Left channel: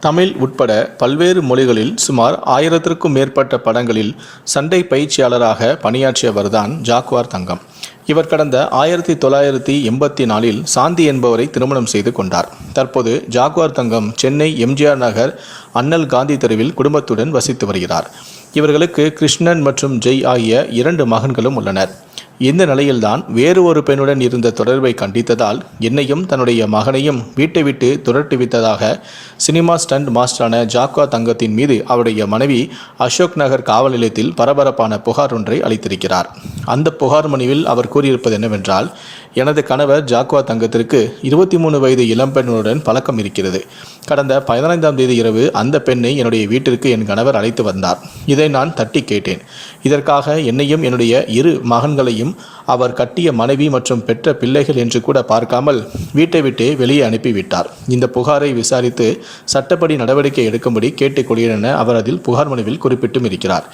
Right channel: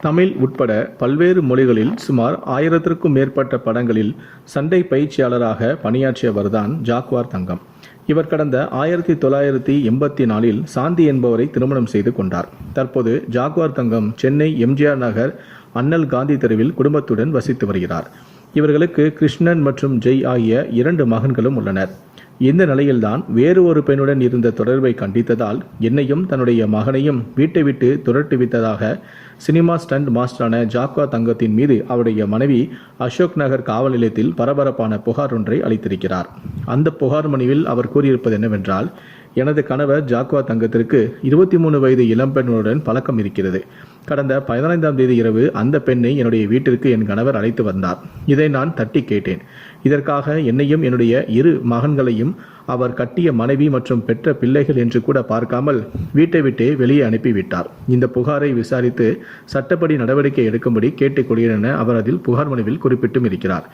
தமிழ் உட்பட பல்வேறு மொழிகளில் சுமார் ஆயிரத்திற்கும் மேற்பட்ட படங்களில் சண்டை பயிற்சியாளராக பணியாற்றியவர்தான் ஜாக்வார் தங்கம். இவர் கடந்த ஆயிரத்தி தொள்ளாயிரத்தி எண்பத்தி நாலில் சாந்தி என்பவரை திருமணம் செய்து கொண்டார். தற்போது ஜாக்வார் தங்கம் சென்னை எம்ஜிஆர் நகர் அண்ணல் காந்தி தெருவில் குடும்பத்துடன் வசித்து வருகிறார். இவர்களுக்கு கிருஷ்ணன் மற்றும் ஜெய் ஆகிய இரண்டு மகன்களும் உள்ளனர். இந்த நிலையில்தான் வேறு ஒரு பெண்ணுடன் இருந்த தொடர்பை கண்டித்ததால் என்னையும் தன்னுடைய மகனையும் வீட்டை விட்டு துரட்டுவித்ததாக சினிமா ஸ்டண்ட் மாஸ்டரான ஜாக்வா தங்கத்தின் மீது அவருடைய மனைவி அசோக் நகர் காவல் நிலையத்தில் பரபரப்பான புகார் ஒன்றை அளித்திருக்கிறார். அந்த புகார் மனுவில் அவர் கூறியிருப்பது என்னவென்றால் எனது கணவர் ஜாக்வா தங்கத்திற்கு இருபத்தி மூணு வயது இளம்பெண்ணுடன் பழக்கம் இருக்கிறது. கடந்த பதினைந்தாம் தேதி இரவு அந்த பெண்ணை என்னுடைய வீட்டிற்கு என் கணவர் அழைத்து வந்தார். இதை நான் தட்டி கேட்டேன். இதற்காக என்னையும் என்னுடைய இரு மகன்களையும் அவர் கட்டிய மனைவி மற்றும் பெற்ற பிள்ளைகள் என்று கூட பார்க்காமல் வீட்டை விட்டே வெளியே அனுப்பிவிட்டார். இந்த புகாரை விசாரித்து சட்டப்படி நடவடிக்கை எடுக்கும்படி கேட்டுக்கொள்கிறேன் என அவர் அதில் புகார் மனுவில் குறிப்பிட்டும் இருக்கிறார்.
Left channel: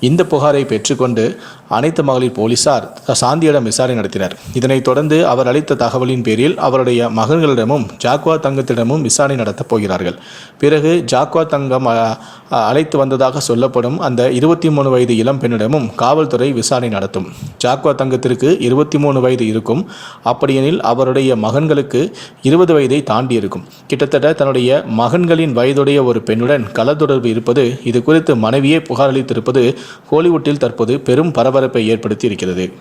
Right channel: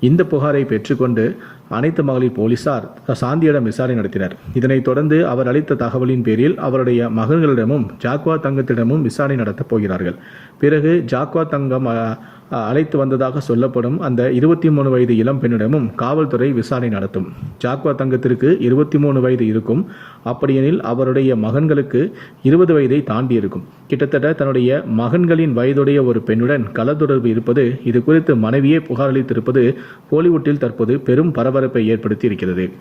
இந்த புகாரை பெற்றுக்கொண்டு அனைத்து மகளிர் போலீசார் சாந்தியிடம் விசாரணை நடத்தினர். இதனைத் தொடர்ந்து அவர் அளித்த தகவலின் பேரில் அவருடைய மகன்களிடமும் ஜாக்வா தங்கத்திடமும் விசாரணை நடத்தப் போகிறார்கள். பிறகு ஜாக்வா தங்கம் அழைத்து வந்ததாக சொல்லப்படும் அந்த இருபத்தி மூணு வயது இளம் பெண்ணிடமும் காவல்துறை விசாரணை நடத்தும். ஜாக்வா தங்கத்திற்கு இருபத்தி மூணு வயது இருக்கும். அப்படியெனில் அவருடைய மகன்களுக்கு இருபது வயதை தாண்டி இருக்கும். கிட்டத்தட்ட தன்னுடைய மகன்களின் வயதுடைய ஒரு பெண்ணுடன் கள தொடர்பு இருப்பது இது குறித்து மனைவியே புகார் அளித்திருப்பது ஹாலிவுட்டில் தற்போது பெரும் பரபரப்பை ஏற்படுத்தி இருக்கிறது.